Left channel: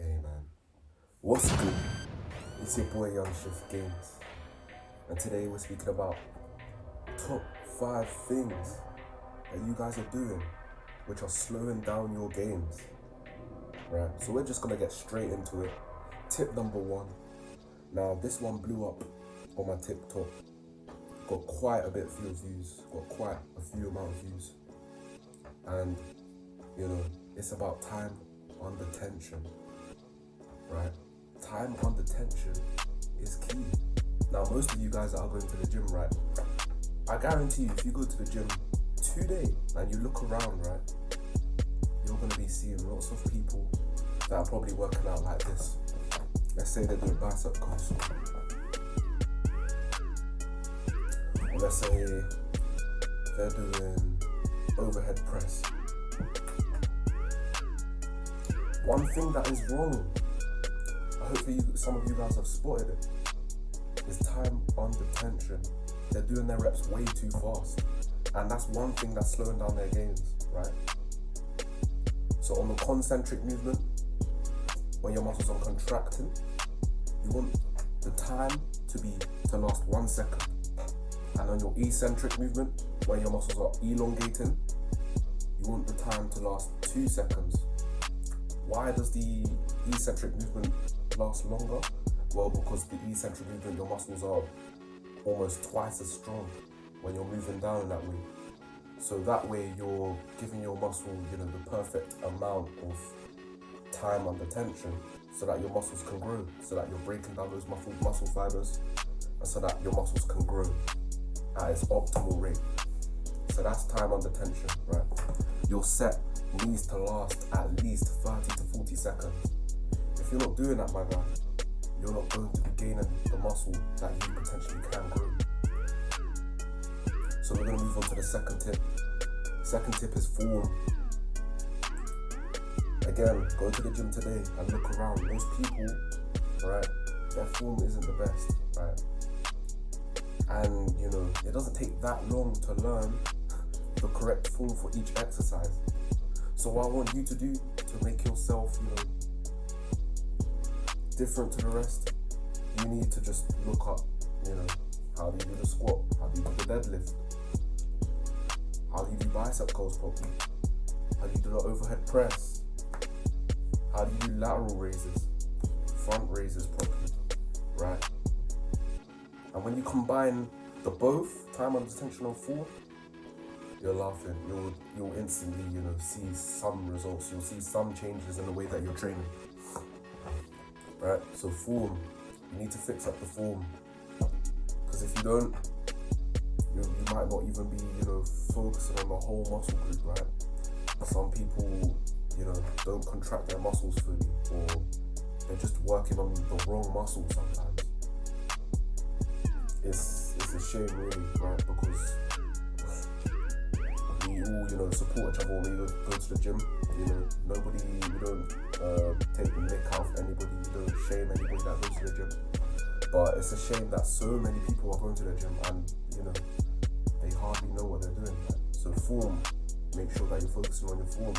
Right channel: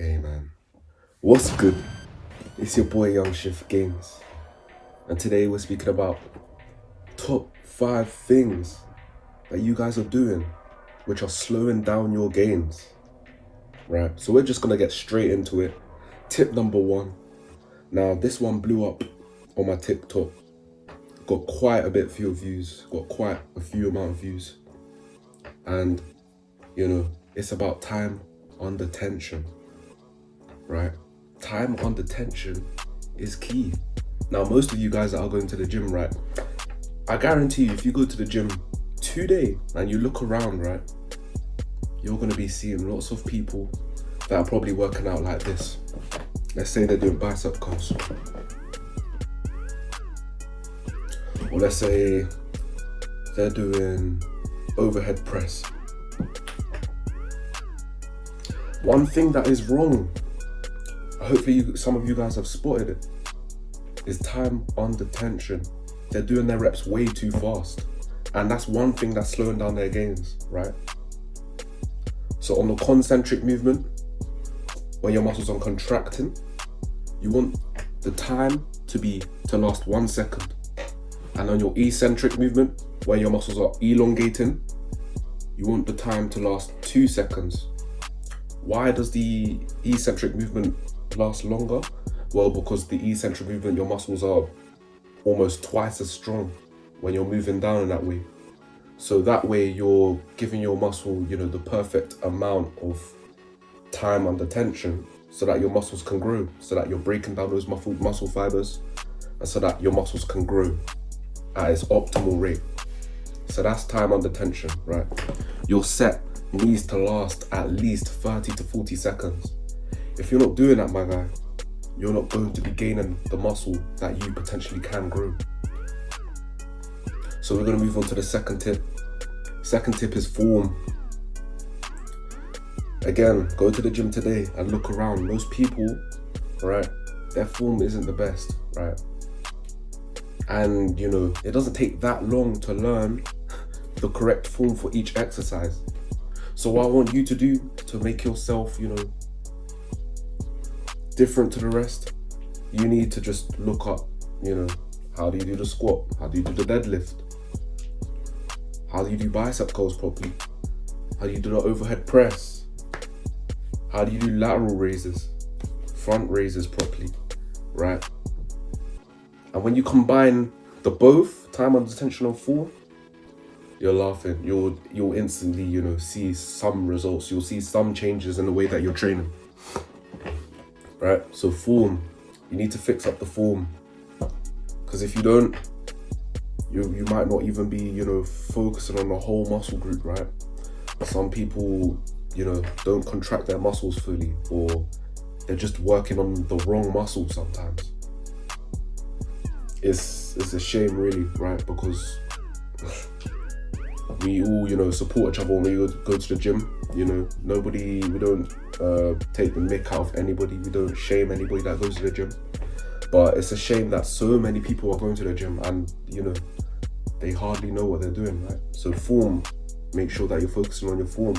Hey man, what's good? It's your boy Young Shift Games, and today we're speaking about top 5 things that you guys are doing which are slowing down your gains. Right, so we're just gonna get straight into it. Tip number 1. Now, this one blew up on my TikTok, got quite a bit few views, got quite a few amount of views, and it's about time under tension. Right? Time under tension is key. Now, most of you guys that are going to the gym, right? I guarantee you, if you go to the gym today and you look around, right, you're gonna be seeing lots of people that are probably working out like this. Let's say they're doing bicep curls. Or let's say they're doing overhead press. One thing that is wrong, hopefully some of you guys have spotted it, is time under tension. They're doing their reps way too fast. And that's one thing that's slowing down their gains, right? So on the concentric movement, when your muscles are contracting, you want the time to last 1 second. And on your eccentric movement, where your muscles are elongating, you want the time to last 2 seconds. Why does the eccentric movement last longer? Well, because the eccentric movement, your muscles are almost twice as strong when you're moving down in that way. So that way you're giving your muscle, the perfect amount of time under tension so that your muscles can grow, so that you're breaking down those muscle fibers, and so that your muscles can grow at its optimal rate. So that's time under tension, right? Your set needs to last at least 30 to 40 seconds. If you're not doing that, my guy, you're not going to be gaining the muscle that you potentially can grow. So we're going to move on to the second tip. Second tip is form. Again, go to the gym today and look around. Most people, right, their form isn't the best, right? And it doesn't take that long to learn the correct form for each exercise. So what I want you to do to make yourself, different to the rest, you need to just look up, how do you do the squat? How do you do the deadlift? How do you do bicep curls properly? How do you do the overhead press? How do you do lateral raises, front raises properly, right? And when you combine the both, time under tension and form, you're laughing. You'll instantly, see some results. You'll see some changes in the way that you're training, right? So form, you need to fix up the form, because if you don't, you might not even be, focusing on the whole muscle group, right? Some people, don't contract their muscles fully, or they're just working on the wrong muscle sometimes. It's a shame, really, right? Because we all, support each other when we go to the gym. We don't take the mick out of anybody. We don't shame anybody that goes to the gym. But it's a shame that so many people are going to the gym and, they hardly know what they're doing, right? So form, make sure that you're focusing on your form.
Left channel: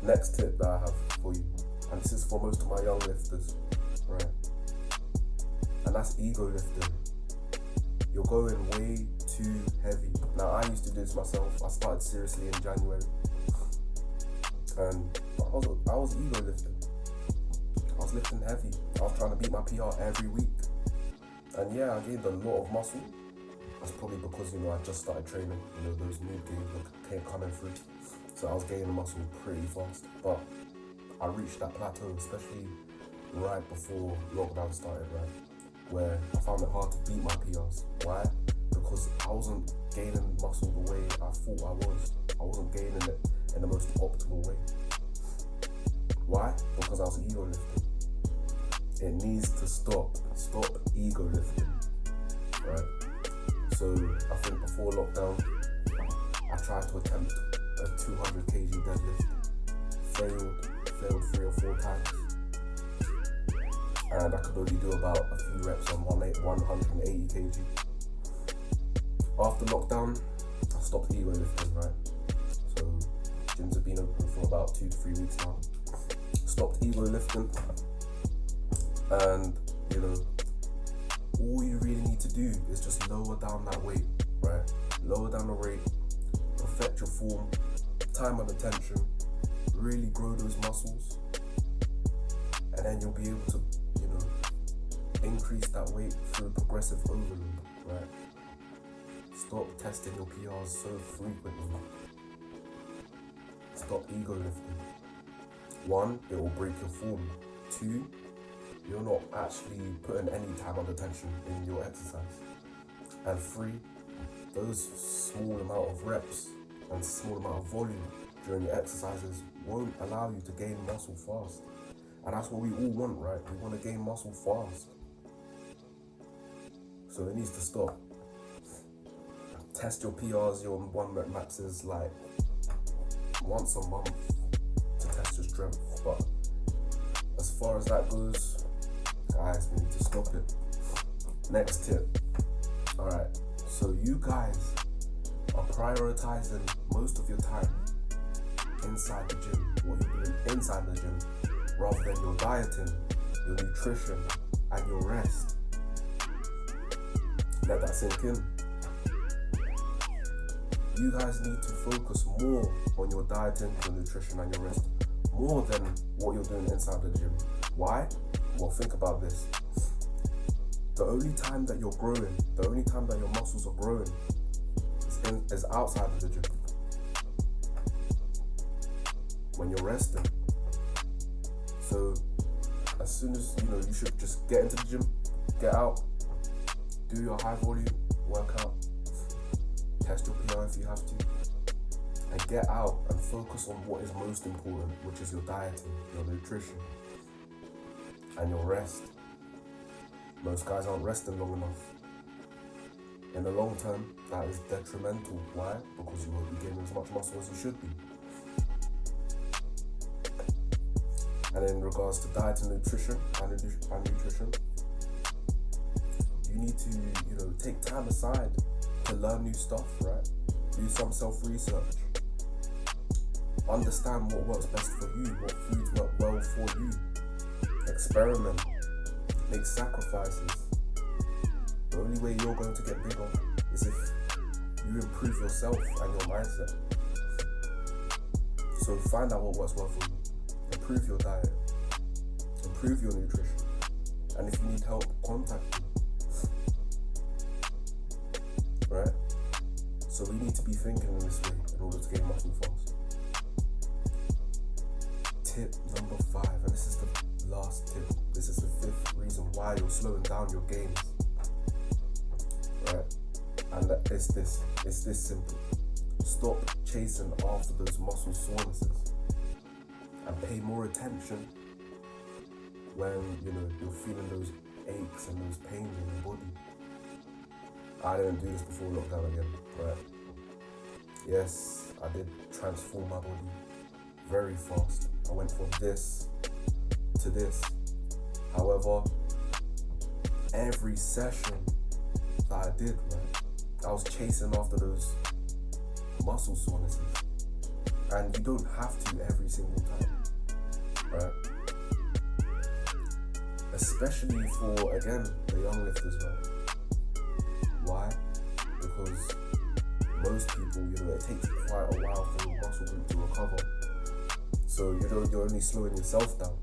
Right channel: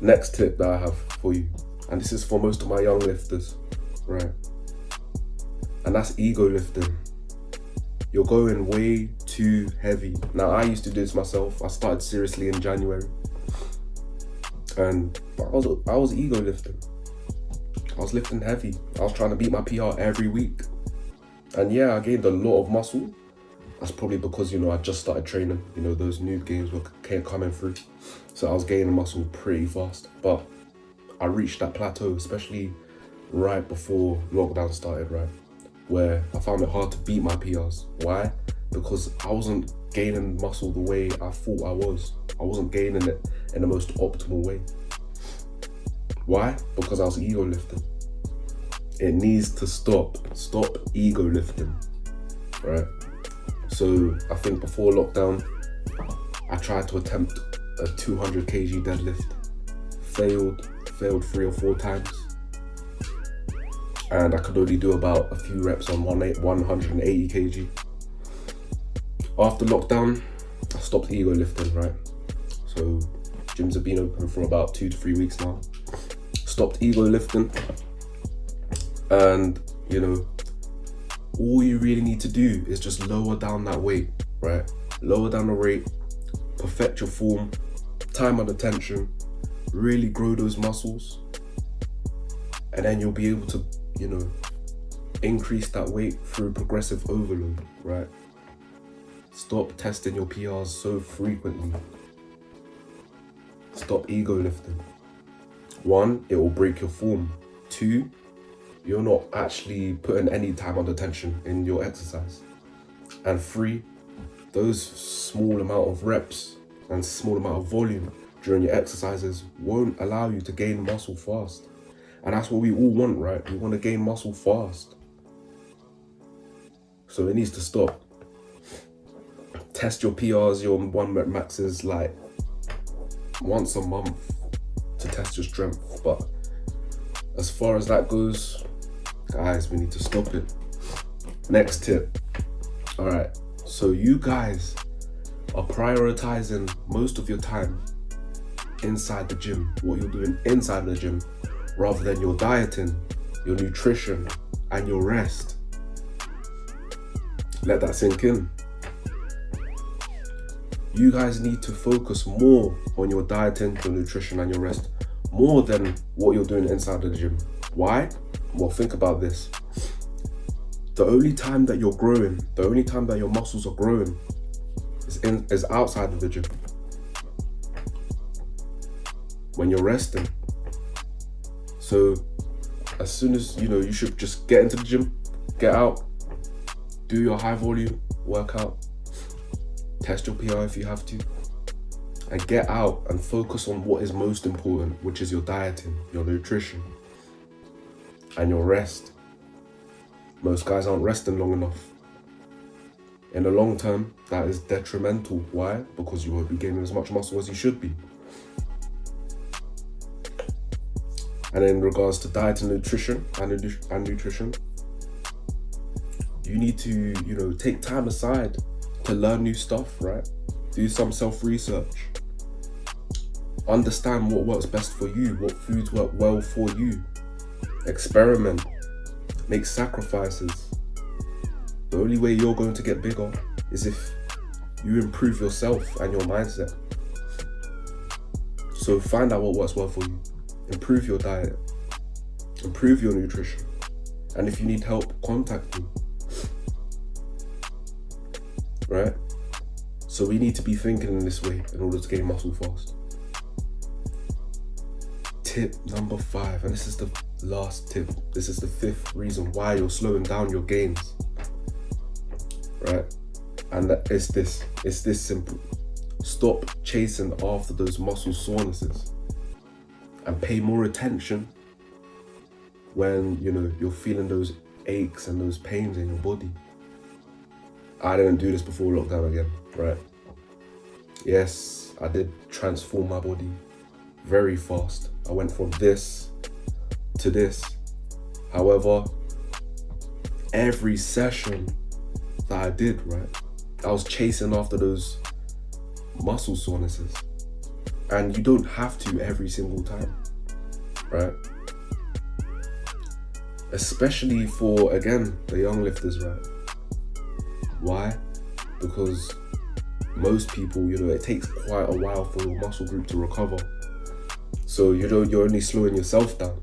Next tip that I have for you, and this is for most of my young lifters, right? And that's ego lifting. You're going way too heavy. Now, I used to do this myself. I started seriously in January, and I was ego lifting. I was lifting heavy. I was trying to beat my PR every week. And yeah, I gained a lot of muscle. That's probably because, I just started training. Those noob games were coming through. So I was gaining muscle pretty fast. But I reached that plateau, especially right before lockdown started, right? Where I found it hard to beat my PRs. Why? Because I wasn't gaining muscle the way I thought I was. I wasn't gaining it in the most optimal way. Why? Because I was ego lifting. It needs to stop. Stop ego lifting, right? So I think before lockdown, I tried to attempt a 200 kg deadlift. Failed 3 or 4 times. And I could only do about a few reps on 180 kg. After lockdown, I stopped ego lifting, right? So Gyms have been open for about 2 to 3 weeks now. Stopped ego lifting, and you know, all you really need to do is just lower down that weight, right? Lower down the weight, perfect your form, time and attention, really grow those muscles, and then you'll be able to, you know, increase that weight through progressive overload, right? Stop testing your PRs so frequently. Stop ego lifting. 1, it will break your form. 2, you're not actually putting any time and attention in your exercise. And 3, those small amount of reps and small amount of volume during your exercises won't allow you to gain muscle fast. And that's what we all want, right? We want to gain muscle fast. So it needs to stop. Test your PRs, your 1 rep maxes like once a month to test your strength. But as far as that goes, guys, we need to stop it. Next tip. All right, so you guys are prioritizing most of your time inside the gym, what you're doing inside the gym, rather than your dieting, your nutrition, and your rest. Let that sink in. You guys need to focus more on your dieting, your nutrition, and your rest, more than what you're doing inside the gym. Why? Well, think about this. The only time that you're growing, the only time that your muscles are growing is outside of the gym. When you're resting. So as soon as, you know, you should just get into the gym, get out, do your high volume workout, test your PR if you have to, and get out and focus on what is most important, which is your dieting, your nutrition, and your rest. Most guys aren't resting long enough. In the long term, that is detrimental. Why? Because you won't be gaining as much muscle as you should be. And in regards to diet and nutrition, you need to, you know, take time aside to learn new stuff, right? Do some self-research. Understand what works best for you, what foods work well for you. Experiment. Make sacrifices. The only way you're going to get bigger is if you improve yourself and your mindset. So find out what works well for you. Improve your diet. Improve your nutrition. And if you need help, contact me. Right? So we need to be thinking in this way in order to gain muscle fast. Tip number 5, and this is the last tip. This is the 5th reason why you're slowing down your gains. Right? And it's this simple. Stop chasing after those muscle sorenesses and pay more attention when, you know, you're feeling those aches and those pains in your body. I didn't do this before lockdown again, right? Yes, I did transform my body very fast. I went from this to this. However, every session that I did, right, I was chasing after those muscle sorenesses. And you don't have to every single time, right? Especially for, again, the young lifters, right? Why? Because most people, you know, it takes quite a while for your muscle group to recover. So, you know, you're only slowing yourself down.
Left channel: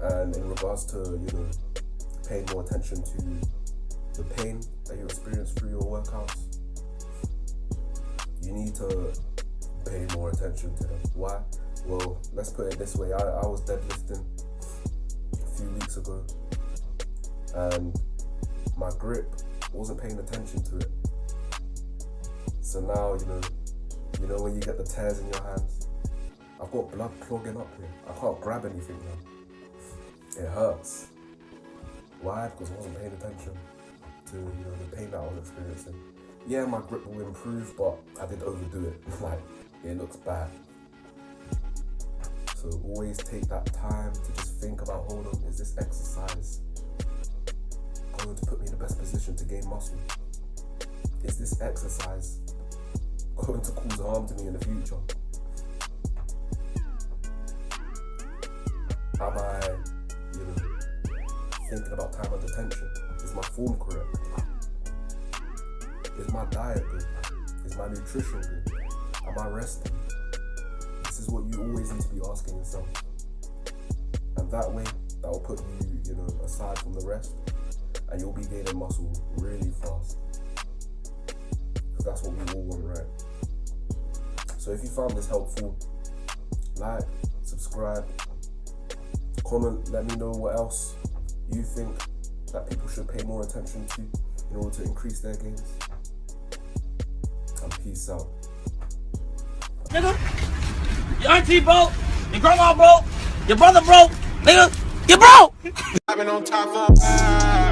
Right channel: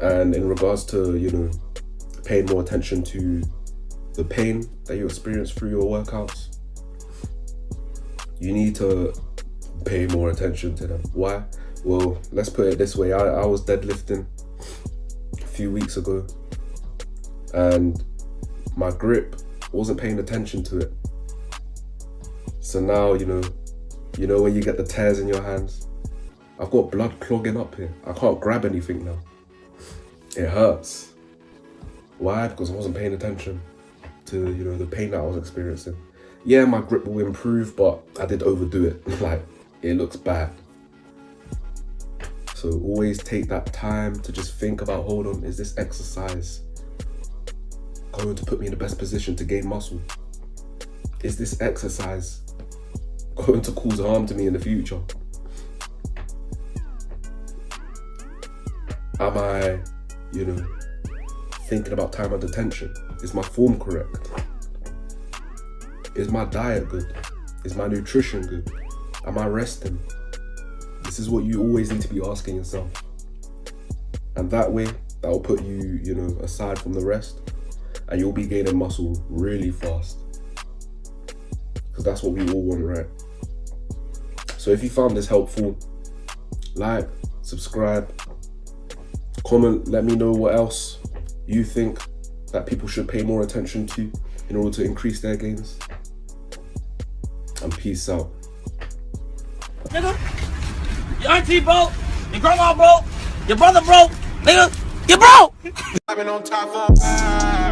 And in regards to, you know, paying more attention to the pain that you experience through your workouts, you need to pay more attention to them. Why? Well, let's put it this way. I was deadlifting a few weeks ago and my grip wasn't paying attention to it. So now, you know when you get the tears in your hands, I've got blood clogging up here. I can't grab anything now. It hurts. Why? Because I wasn't paying attention to, you know, the pain that I was experiencing. Yeah, my grip will improve, but I did overdo it. Like, it looks bad. So always take that time to just think about, hold on, is this exercise going to put me in the best position to gain muscle? Is this exercise going to cause harm to me in the future? Am I, thinking about time under tension? Is my form correct? Is my diet good? Is my nutrition good? Am I resting? This is what you always need to be asking yourself. And that way, that will put you, aside from the rest, and you'll be gaining muscle really fast. Because that's what we all want, right? So if you found this helpful, like, subscribe, comment, let me know what else you think that people should pay more attention to in order to increase their gains. And peace out. Nigga, your auntie broke, your grandma broke, your brother broke, nigga, you broke! I've been on top for